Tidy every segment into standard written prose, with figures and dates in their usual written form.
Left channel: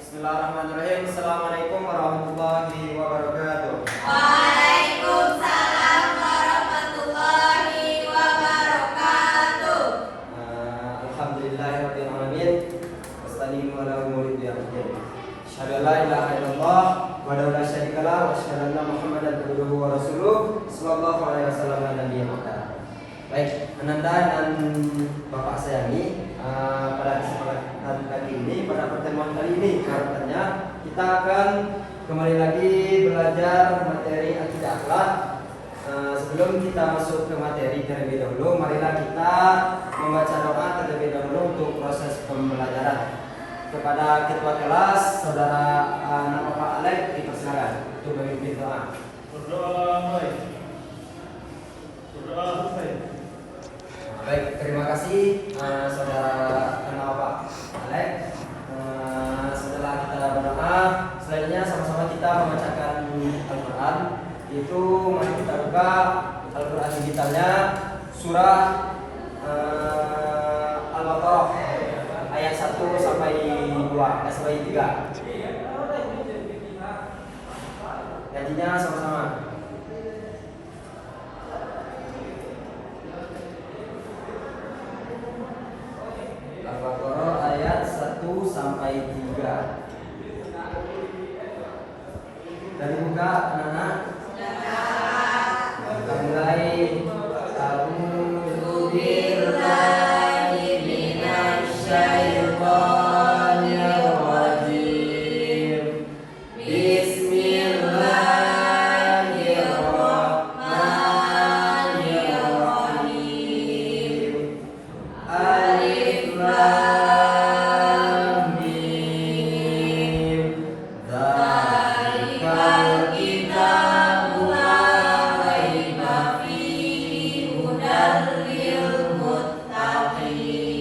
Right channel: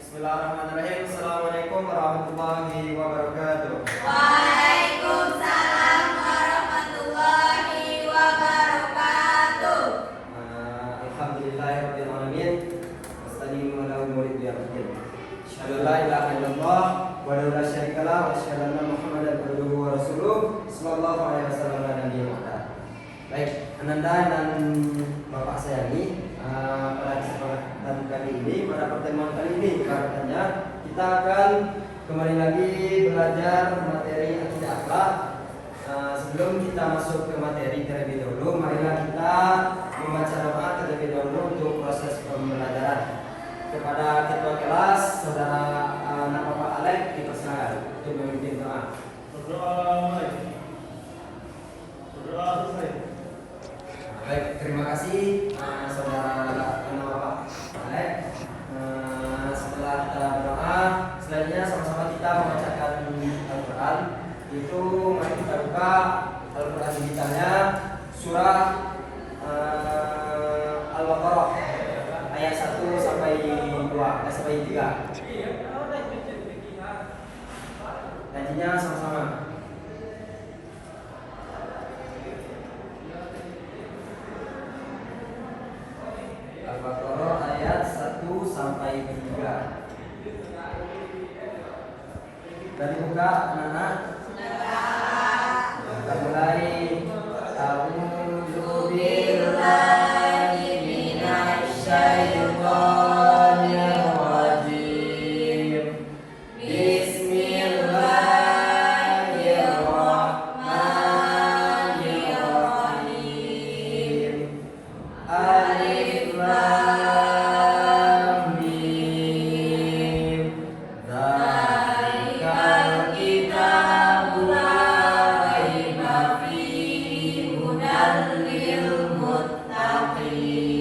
Bismillahirrahmanirrahim. Assalamualaikum warahmatullahi wabarakatuh. Waalaikumsalam warahmatullahi wabarakatuh. Alhamdulillahirabbil alamin. Wassalamu ala umuri biyaqin. Asyhadu an la ilaha illallah wa la syarika lah wa asyhadu anna Muhammadan abduhu wa rasuluh sallallahu alaihi wasallam ala nabiyil muhammad. Baik, Ananda dan Bapak sayangi, pada kesempatan kali ini, pada pertemuan kali ini, katanya kita akan kembali lagi belajar materi akidah akhlak. Sebelum kita masuk ke materi terlebih dahulu, marilah kita membaca doa terlebih dahulu untuk proses pembelajaran. Kepada ketua kelas, saudara anak Bapak Alex, dipersilakan untuk memimpin doa. Baik, terima kasih saudara anak Bapak Alex. Setelah kita berdoa, selanjutnya sama-sama kita membacakan Al-Quran. Itu mari kita buka Al-Quran digitalnya surah Al-Baqarah ayat 1 sampai 2 sampai 3. Nantinya sama-sama. Al-Baqarah ayat 1 sampai 3. Tadi buka anak-anak. Kita mulai. A'udzu billahi minasy syaithanir rajim. Bismillahirrahmanirrahim. Alif lam mim. Dzalikal kitabu la raiba fihi hudan lil muttaqin.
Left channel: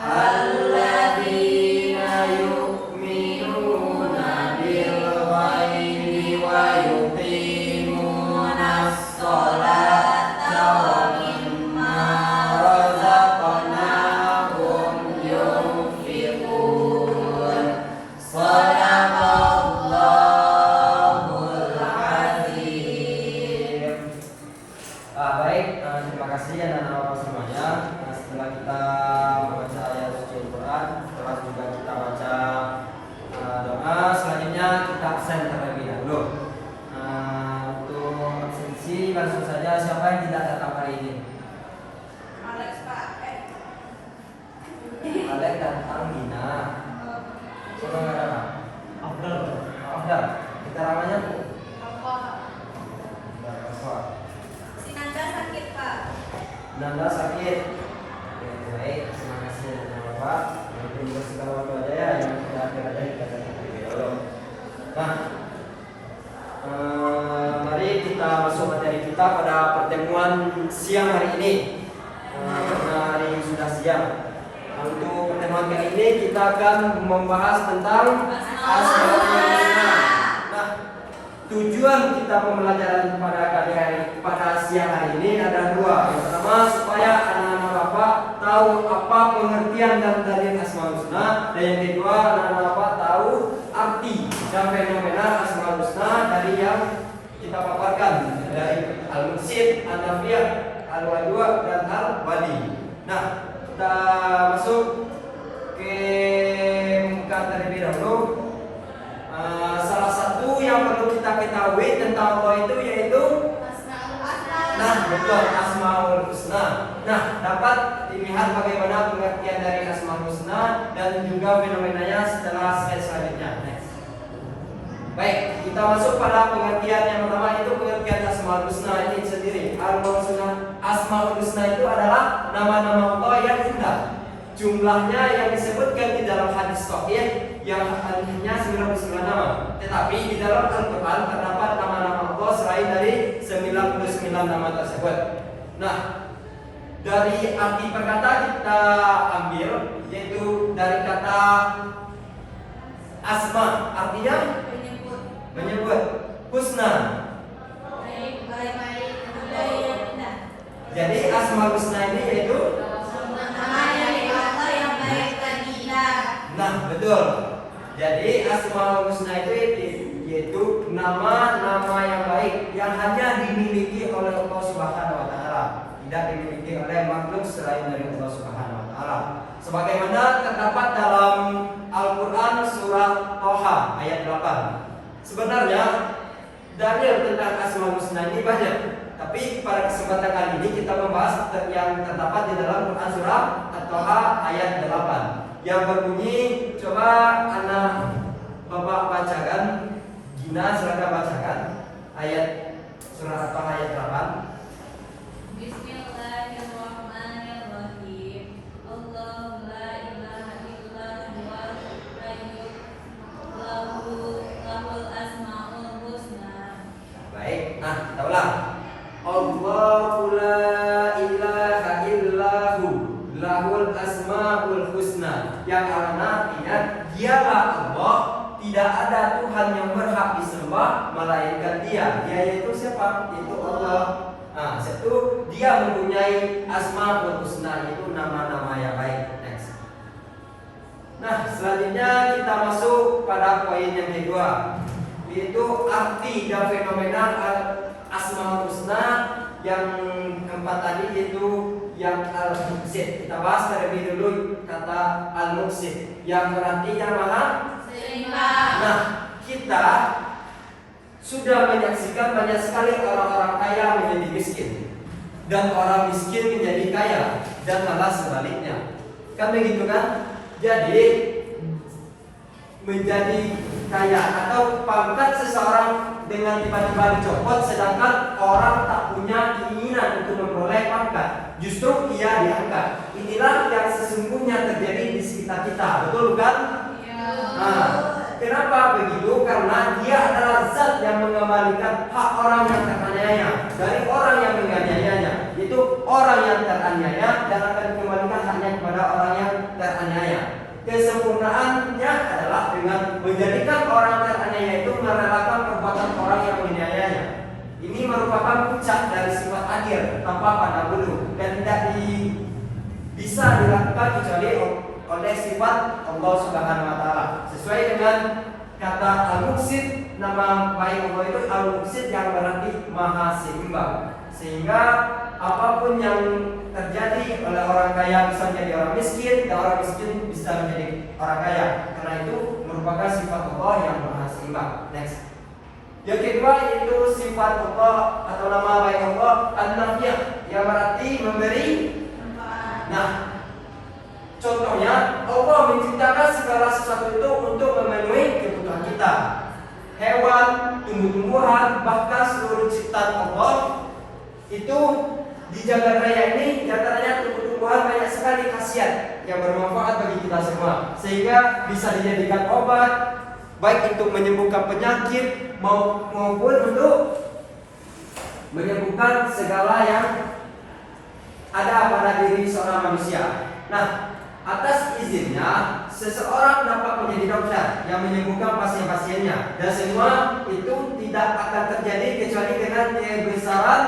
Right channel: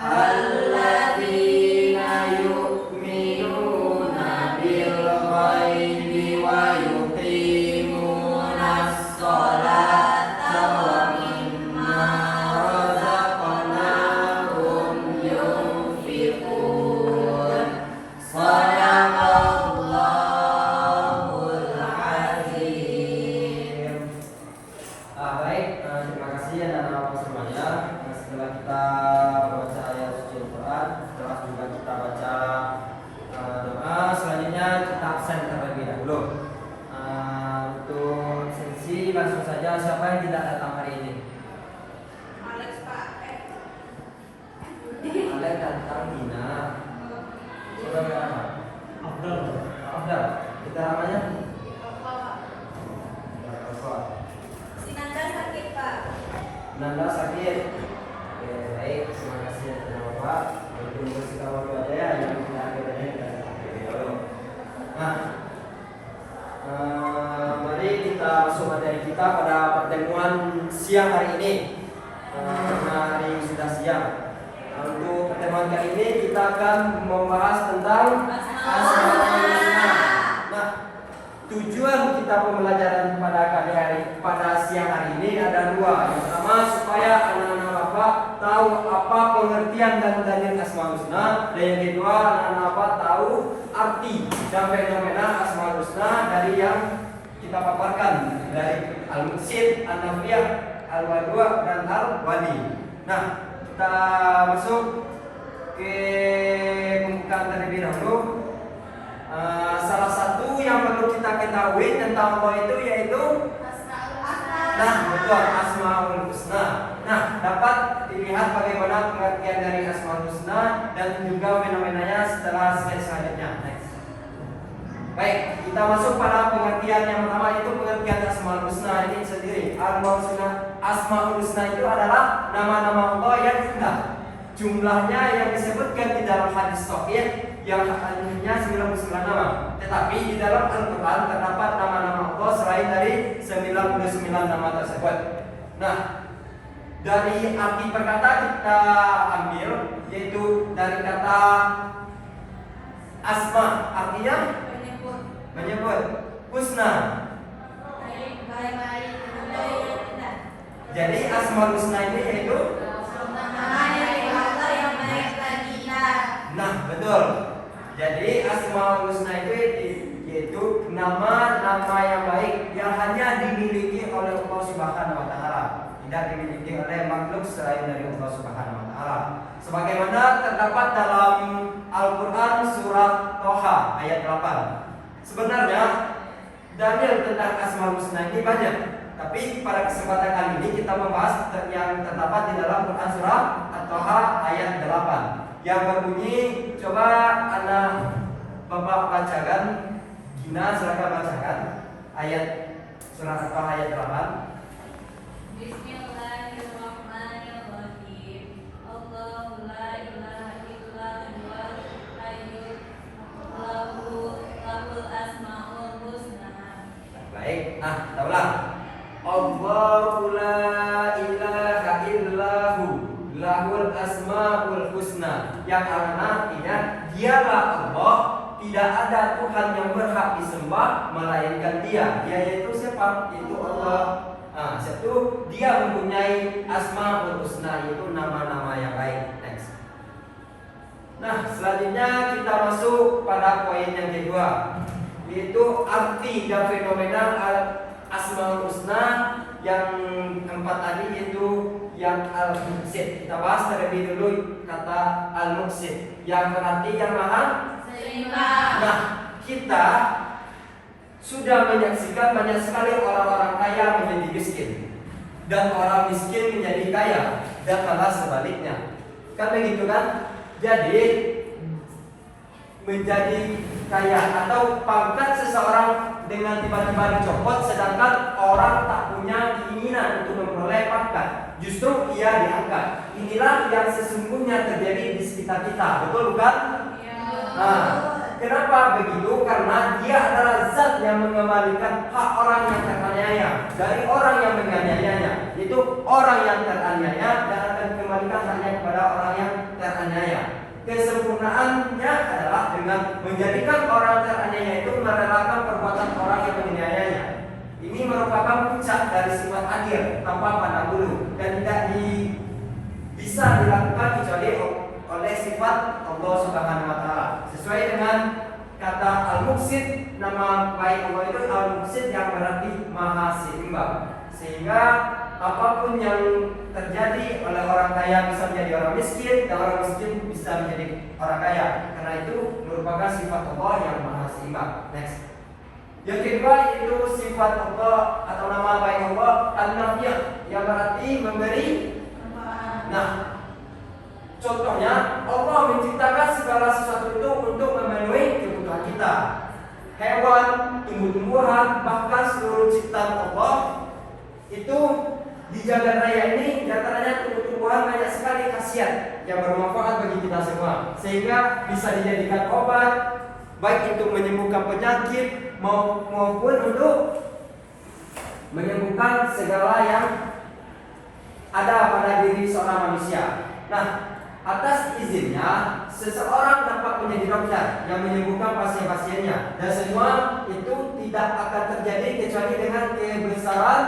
Alladzina yu'minuna bil ghaibi wa yuqimunas sholata wa mimma razaqnahum yunfiqun. Shadaqallahul azim. Baik, terima kasih anak-anak semuanya. Setelah kita membaca ayat suci Al-Quran, setelah juga kita baca doa, selanjutnya kita absen terlebih dahulu. Untuk absensi langsung saja, siapa yang tidak datang hari ini? Alex Pak. Alek dan Almina. Saudara Abdul. Kita namanya? Sinanda sakit Pak. 16 sakit. Ya, baik, terima kasih atas Bapak. Terima kasih kawan keluarga yang sudah kepadanya kita dulu. Nah, mari kita masuk materi kita pada pertemuan siang hari ini. Karena hari sudah siang. Untuk pertemuan kali ini kita akan membahas tentang Asmaul Husna. Nah, tujuan kita pembelajaran pada siang hari ini ada dua. Yang pertama, supaya anak-anak Bapak tahu apa pengertian dan dalil Asmaul Husna, dan yang kedua, anak-anak Bapak tahu arti dan fenomena Asmaul Husna dari yang kita paparkan dari Al-Mursyid, An-Nafiyah, Al-Wadud dan Al-Wali. Nah, kita masuk ke pembukaan terlebih dahulu. Salah satu yang perlu kita ketahui tentang Allah itu yaitu betul, Asmaul Husna. Nah, dapat dilihat bagaimana pengertian dari Asmaul Husna dan juga fenomenanya setelah slide selanjutnya. Next. Baik, kita masuk pada pengertian yang pertama, itu pengertian Asmaul Husna ini sendiri. Asmaul Husna itu adalah nama-nama Allah yang indah. Jumlahnya yang disebutkan di dalam hadis sahih yang artinya 99 nama. Tetapi di dalam Al-Quran terdapat nama-nama Allah selain dari 99 nama tersebut. Nah, dari arti perkata kita ambil, yaitu dari kata asma, artinya menyebut, husna. Jadi Asmaul Husna ini yaitu nama dari Allah yang baik bagi kita. Nah, Betul. Jadi Asmaul Husna itu yaitu nama-nama yang baik yang hanya dimiliki oleh Allah Subhanahu wa taala, tidak dimiliki oleh makhluk selain dari Allah Subhanahu wa taala. Sebagaimana terdapat dalam Al-Qur'an surat Toha ayat 8. Sebenarnya dalil tentang Asmaul Husna ini banyak, tapi pada kesempatan kali ini kita membahas yang terdapat di dalam Quran surah At-Toha ayat 8 yang berbunyi, coba anak Bapak bacakan, Gina silakan bacakan ayat surah At-Toha ayat 8. Bismillahirrahmanirrahim. Allahu la ilaha illa huwal hayyul lahul asmaul husna. Baik, nah kita ulang. Allahu la ilaha illahu lahul asmaul husna. Yang artinya dialah Allah, tidak ada Tuhan yang berhak disembah melainkan Dia. Dia yaitu siapa? Yaitu Allah. Nah, satu Dia mempunyai asmaul husna, yaitu nama-nama yang baik. Next. Nah, selanjutnya kita masuk pada poin yang kedua, yaitu arti dan fenomena Asmaul Husna. Yang keempat tadi yaitu yang Al-Muqsid. Kita bahas terlebih dulu kata Al-Muqsid yang berarti yang maha Seimbang. Nah, kita sudah menyaksikan banyak sekali orang-orang kaya menjadi miskin dan orang miskin menjadi kaya dan malah sebaliknya. Kan begitu kan? Jadi menjadi kaya atau pangkat seseorang dengan tiba-tiba dicopot, sedangkan orang tak punya keinginan untuk memperoleh pangkat, justru ia diangkat. Inilah yang sesungguhnya terjadi di sekitar kita, betul bukan? Nah, kenapa begitu? Karena dia adalah zat yang mengembalikan hak orang yang teraniaya dari orang yang menganiayanya. Itu orang yang teraniaya dan akan mengembalikan haknya kepada orang yang teraniaya. Kesempurnaannya adalah dengan menjadikan orang teraniaya itu merelakan perbuatan orang yang menganiayanya. Ini merupakan puncak dari sifat adil tanpa pandang bulu dan tidak bisa dilakukan kecuali oleh sifat Allah Subhanahu wa taala. Sesuai dengan kata Al-Muqsid, nama baik Allah itu Al-Muqsid yang berarti maha seimbang. Sehingga apapun yang terjadi oleh orang kaya bisa menjadi orang miskin, dan orang miskin bisa menjadi orang kaya. Karena itu merupakan sifat Allah yang maha seimbang. Next. Yang kedua itu sifat Allah atau nama baik Allah An-Nafi', yang berarti memberi. Nah, contohnya Allah menciptakan segala sesuatu itu untuk memenuhi kebutuhan kita. Hewan, tumbuh-tumbuhan, bahkan seluruh ciptaan Allah itu di jagat raya ini, diantaranya tumbuh-tumbuhan banyak sekali khasiat yang bermanfaat bagi kita semua, sehingga bisa dijadikan obat, baik untuk menyembuhkan penyakit maupun untuk menyembuhkan segala yang ada pada diri seorang manusia. Nah, atas izinnya seseorang dapat menjadi dokter yang menyembuhkan pasien-pasiennya, dan semua itu tidak akan terjadi kecuali dengan kebesaran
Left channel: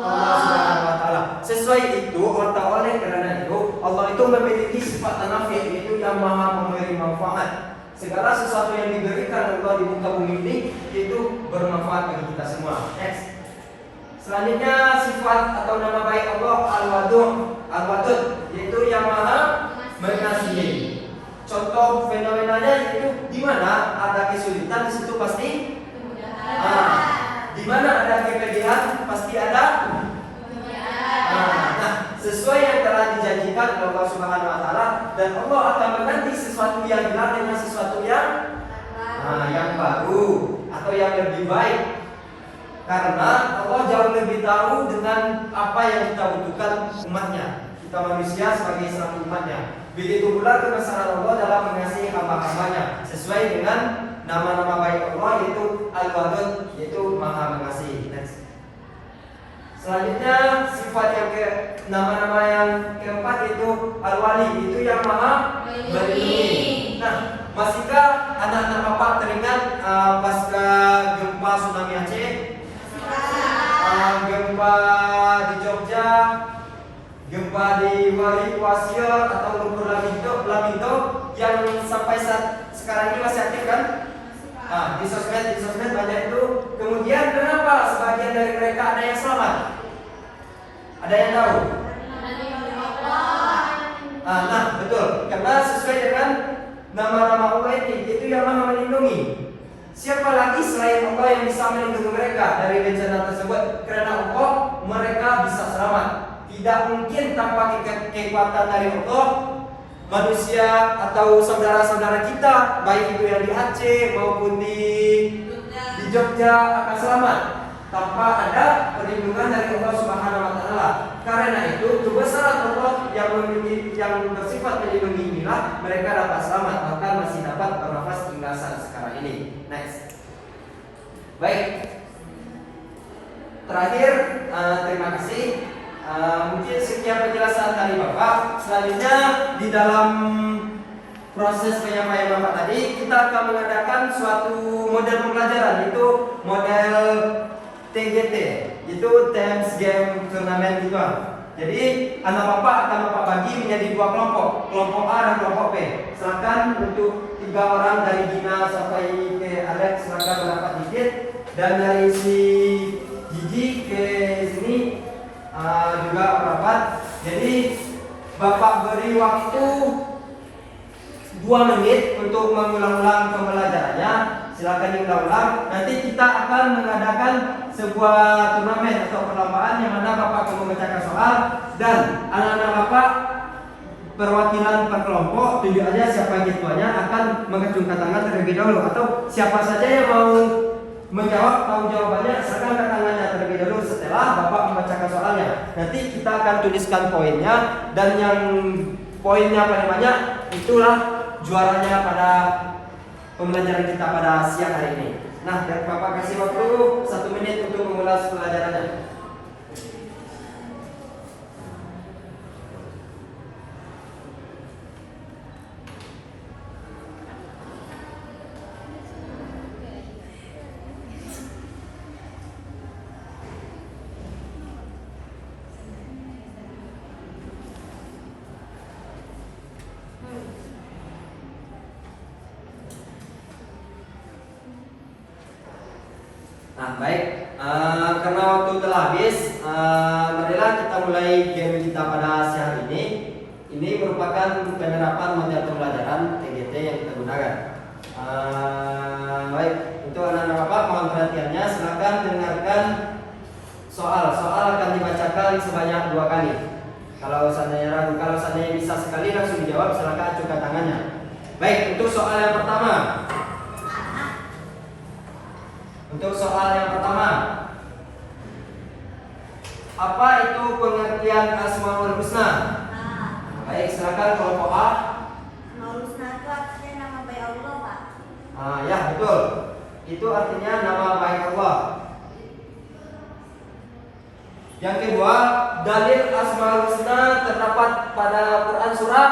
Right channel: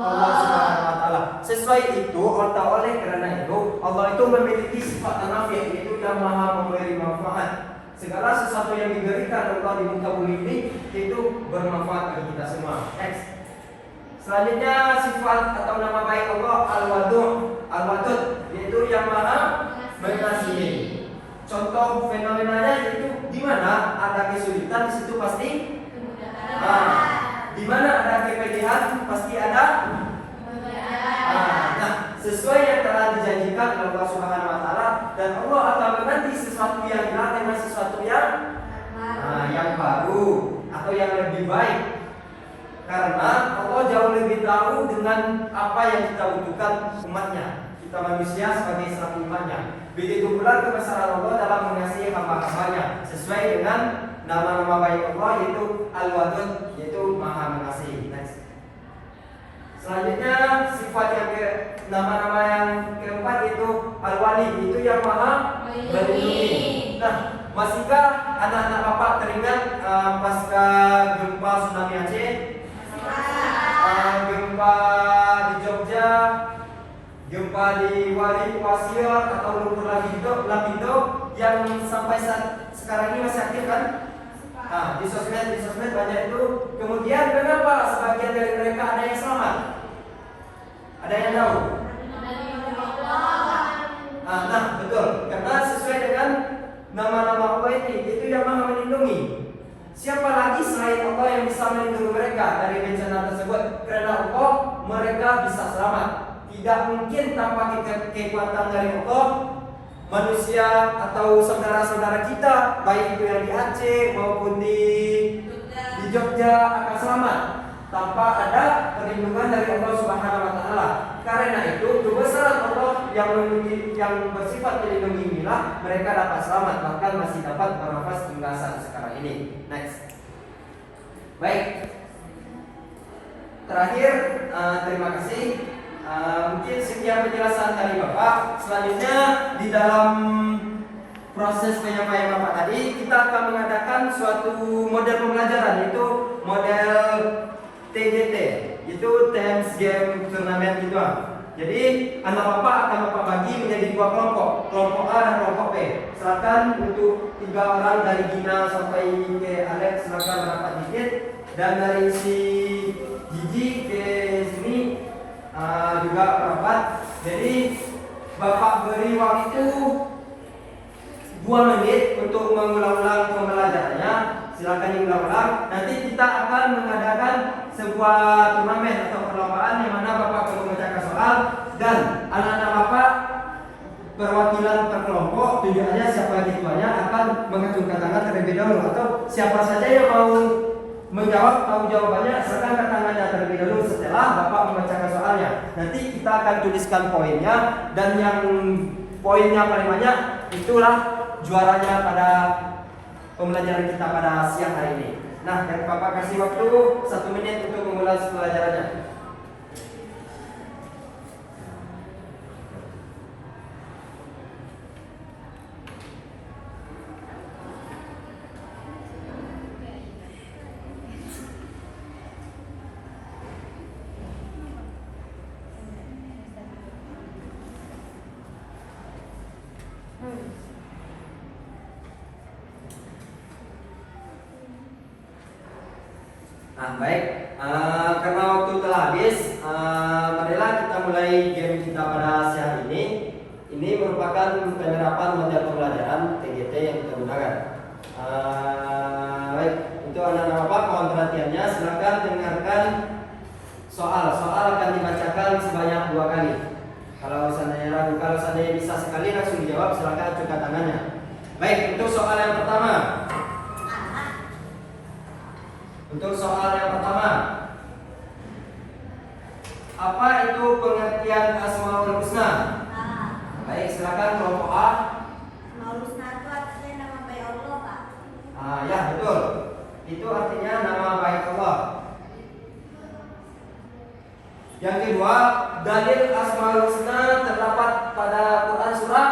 Allah Subhanahu wa taala. Sesuai itu atau oleh karena itu Allah itu memiliki sifat An-Nafi', yaitu yang maha memberi manfaat. Segala sesuatu yang diberikan Allah di muka bumi ini itu bermanfaat bagi kita semua. Next. Selanjutnya sifat atau nama baik Allah Al-Wadud, yaitu yang maha mengasihi. Contoh fenomenanya yaitu di mana ada kesulitan di situ pasti di mana ada kepedihan pasti ada. Nah, sesuai yang telah dijanjikan oleh Allah Subhanahu wa taala, dan Allah akan mengganti sesuatu yang hilang dengan sesuatu yang baru atau yang lebih baik. Karena Allah jauh lebih tahu dengan apa yang kita butuhkan umatnya, kita manusia sebagai satu umatnya. Begitu pula kebesaran Allah dalam mengasihi hamba-hambanya, sesuai dengan nama-nama baik Allah yaitu Al-Wadud, yaitu maha mengasihi. Next. Selanjutnya sifat yang nama-nama yang keempat itu Al-Wali, itu yang maha melindungi. Nah, masihkah anak-anak bapak teringat pasca gempa tsunami Aceh, gempa di Jogja, gempa di Wali Kuasir atau Lumpur Lapindo yang sampai saat sekarang ini masih aktif kan? Di sosmed banyak itu. Kemudian kenapa sebagian dari mereka ada yang selamat? Ada yang tahu? Nah betul, karena sesuai dengan nama-nama Allah itu yang Maha melindungi. Siapa lagi selain Allah yang bisa melindungi mereka dari bencana tersebut? Karena Allah mereka bisa selamat. Tidak mungkin tanpa kekuatan dari Allah manusia atau saudara-saudara kita, baik itu yang di Aceh maupun di Jogja akan selamat tanpa ada perlindungan dari Allah Subhanahu wa taala. Karena itu kebesaran Allah yang bersifat melindungi inilah mereka dapat selamat, bahkan masih dapat bernafas hingga saat sekarang ini. Next. Baik. Terakhir, terima kasih. Mungkin sekian penjelasan dari Bapak. Selanjutnya di dalam proses penyampaian Bapak tadi kita akan mengadakan suatu model pembelajaran, yaitu model TGT, itu Times Game Turnamen gitu. Jadi anak Bapak akan Bapak bagi menjadi dua kelompok A dan kelompok B. Silakan untuk 3 orang dari Gina sampai ke Alex, silakan berapa digit, dan dari si Gigi ke sini juga rapat. Jadi Bapak beri waktu 2 menit untuk mengulang-ulang pembelajarannya. Silakan diulang-ulang. Nanti kita akan mengadakan sebuah turnamen atau perlombaan yang mana Bapak perlu memecahkan soal, dan anak-anak Bapak perwakilan per kelompok, tujuannya siapa yang ketuanya akan mengacungkan tangan terlebih dahulu, atau siapa saja yang mau menjawab tahu jawabannya silakan angkat tangannya terlebih dahulu setelah Bapak membacakan soalnya. Nanti kita akan tuliskan poinnya, dan yang poinnya paling banyak itulah juaranya pada pembelajaran kita pada siang hari ini. Nah, dan Bapak kasih waktu 1 menit untuk mengulas pelajarannya. Nah, baik, karena waktu telah habis, marilah kita mulai game kita pada siang ini. Ini merupakan penerapan model pembelajaran TGT yang kita gunakan. Baik, untuk anak-anak Bapak mohon perhatiannya, silakan dengarkan soal. Soal akan dibacakan sebanyak 2 kali. Kalau seandainya ragu, kalau seandainya bisa sekali langsung dijawab, silakan acungkan tangannya. Baik, untuk soal yang pertama. Untuk soal yang pertama, apa itu pengertian Asmaul Husna? Baik, silakan kelompok A. Asmaul Husna itu artinya nama baik Allah, Pak. Ya, betul. Itu artinya nama baik Allah. Yang kedua, dalil Asmaul Husna terdapat pada Quran surah.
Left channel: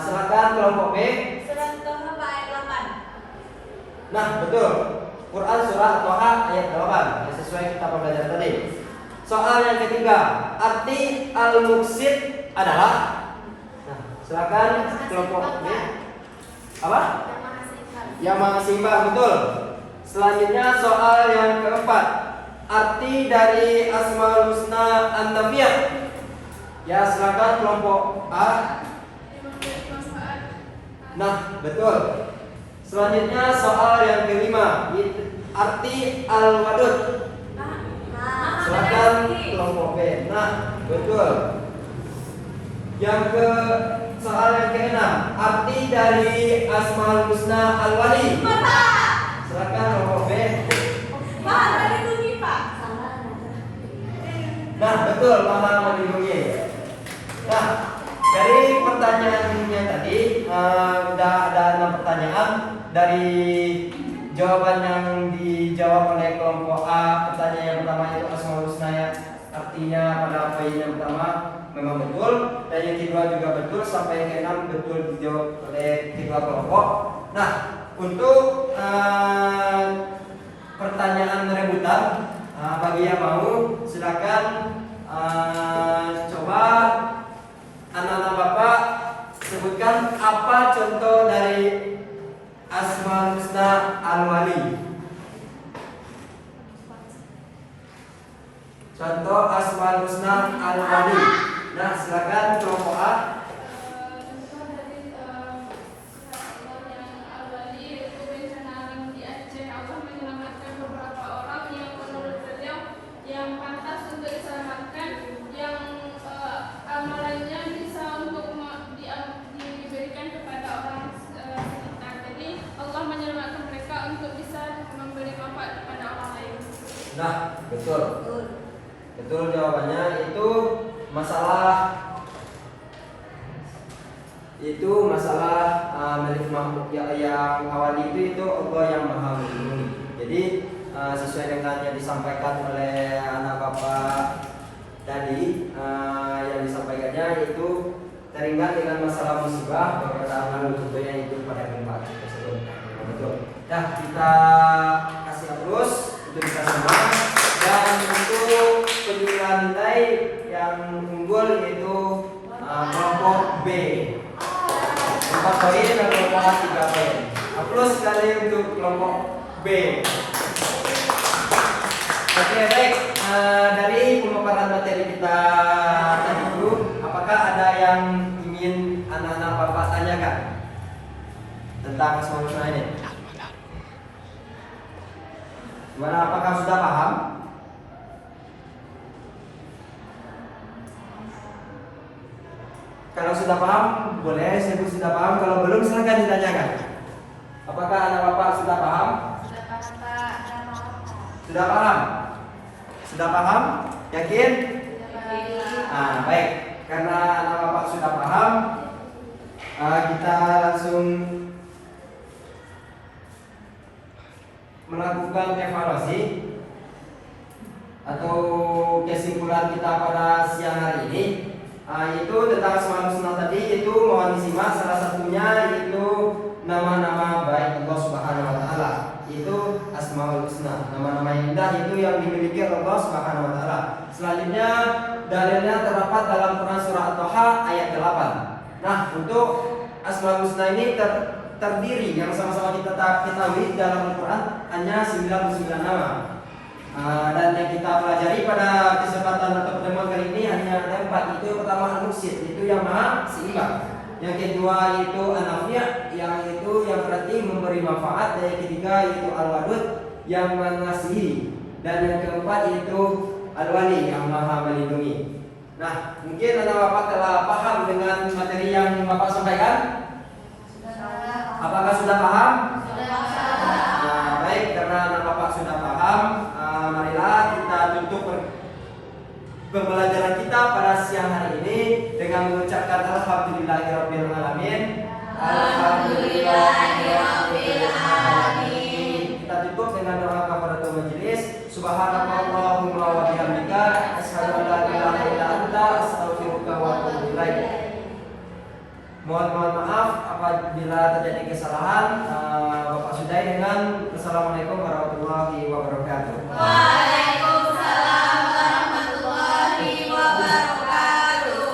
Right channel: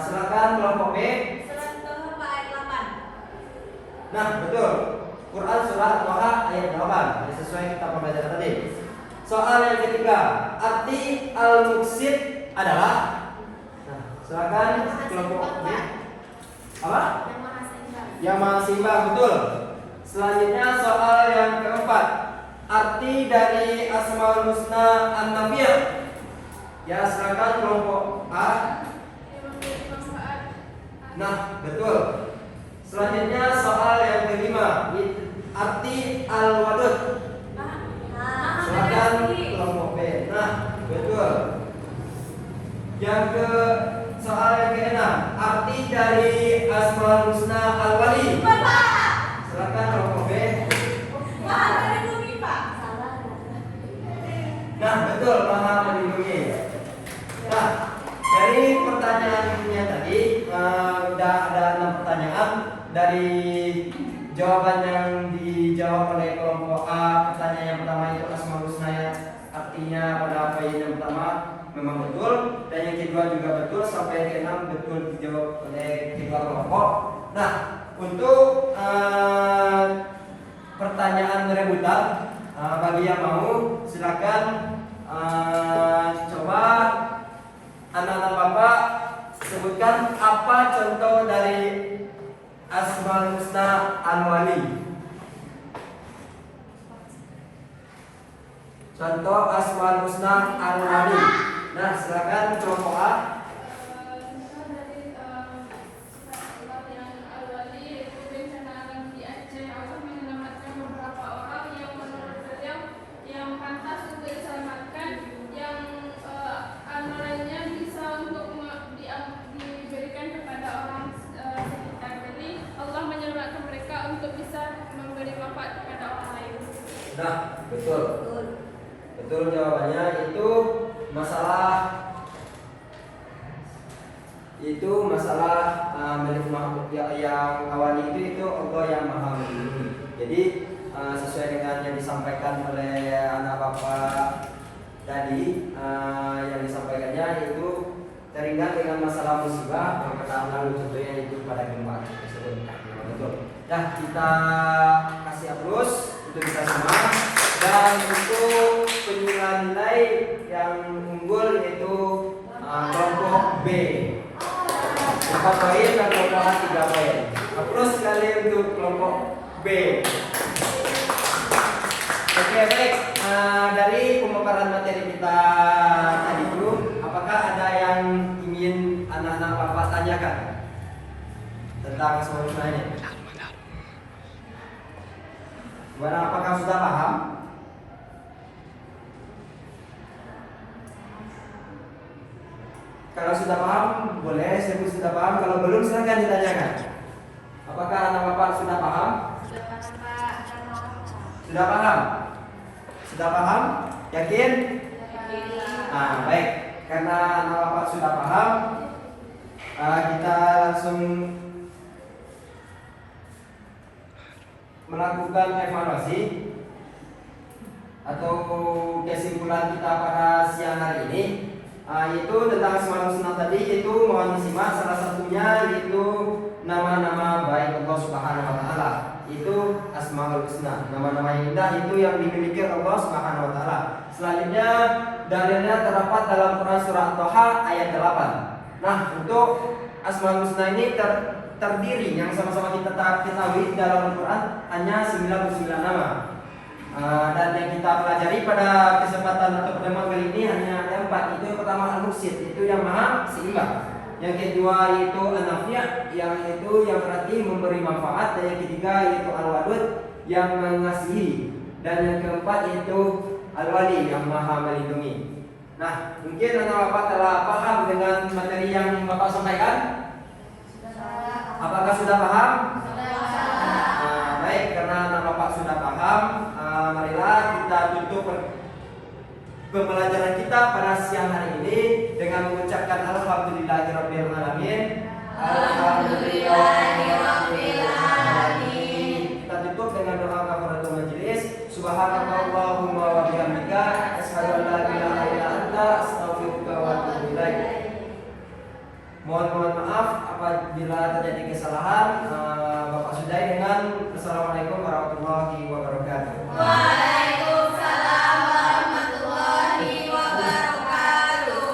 Silakan kelompok B. Surat Toha ayat 8. Nah, betul. Quran surah Toha ayat 8, yang sesuai kita pembelajaran tadi. Soal yang ketiga, arti al-muqsid adalah. Nah, silakan kelompok B. Apa? Yang maha seimbang, betul. Selanjutnya soal yang keempat, arti dari Asmaul Husna an-Nafiyah. Ya, silakan kelompok A. Nah, betul. Selanjutnya soal yang kelima, arti al-wadud. Silakan kelompok B. Nah, betul. Yang ke soal yang keenam, arti dari Asmaul Husna al-Wali. Silakan kelompok B. Nah, betul, Maha melindungi. Nah, dari pertanyaannya tadi udah ada 6 pertanyaan. Dari jawaban yang dijawab oleh kelompok A, pertanyaan yang pertama itu Asmaul Husna ya, artinya pada poin yang pertama memang betul, dan yang kedua juga betul, sampai yang keenam betul dijawab oleh kedua kelompok. Nah, untuk pertanyaan rebutan, bagi yang mau silakan coba anak-anak Bapak Sebutkan apa contoh dari Asmaul Husna Al-Wali. Contoh Asmaul Husna Al-Wali. Nah, silakan kelompok A. Contoh dari Allah yang Al-Wali yaitu bencana alam di Aceh. Allah menyelamatkan beberapa orang yang menurut beliau yang pantas untuk diselamatkan, yang amalannya bisa untuk diberikan kepada orang sekitar. Jadi Allah menyelamatkan mereka untuk bisa memberi manfaat kepada orang lain. Nah, betul. Betul jawabannya. Itu masalah milik makhluk yang awali itu Allah yang maha melindungi. Jadi sesuai dengan yang disampaikan oleh anak bapak tadi, yang disampaikannya itu teringat dengan masalah musibah beberapa lalu, contohnya itu pada gempa tersebut. Betul. Nah, kita kasih aplaus untuk kita semua. Dan untuk penilaian nilai yang unggul yaitu kelompok B 4 poin dan kelompok A 3 poin. Aplaus sekali untuk kelompok B. Oke, baik. Dari pemaparan materi kita tadi itu, apakah ada yang ingin anak-anak bapak tanyakan tentang Asmaul Husna ini? Gimana, apakah sudah paham? Kalau sudah paham, boleh sebut sudah paham. Kalau belum, silakan ditanyakan. Apakah anak bapak sudah paham? Sudah paham Pak, sudah paham Pak. Sudah paham? Sudah paham? Yakin? Baik. Karena anak bapak sudah paham, kita langsung melakukan evaluasi atau kesimpulan kita pada siang hari ini. Itu tentang Asmaul Husna tadi, itu mohon disimak. Salah satunya yaitu nama-nama baik Allah Subhanahu wa taala. Itu Asmaul Husna, nama-nama yang indah itu yang dimiliki Allah Subhanahu wa taala. Selanjutnya dalilnya terdapat dalam Quran surah At-Taha ayat 8. Nah, untuk Asmaul Husna ini terdiri yang sama-sama kita ketahui dalam Al-Quran hanya 99 nama. Dan yang kita pelajari pada kesempatan atau pertemuan kali ini hanya 4. Itu yang pertama Al-Muqsit, itu yang maha seimbang. Yang kedua yaitu An-Nafi', yang itu yang berarti memberi manfaat. Dan yang ketiga yaitu Al-Wadud, yang mengasihi. Dan yang keempat yaitu Al-Wali, yang maha melindungi. Nah, mungkin anak bapak telah paham dengan materi yang bapak sampaikan. Apakah sudah paham? Baik, karena anak bapak sudah paham, marilah kita tutup pembelajaran kita pada siang hari ini dengan mengucapkan alhamdulillahirabbil alamin. Alhamdulillahirabbil alamin. Kita tutup dengan doa kafaratul majelis. Subhanakallahumma wa bihamdika asyhadu an la ilaha illa anta astaghfiruka wa atubu ilaik. Mohon maaf apabila terjadi kesalahan. Bapak sudahi dengan Assalamualaikum warahmatullahi wabarakatuh.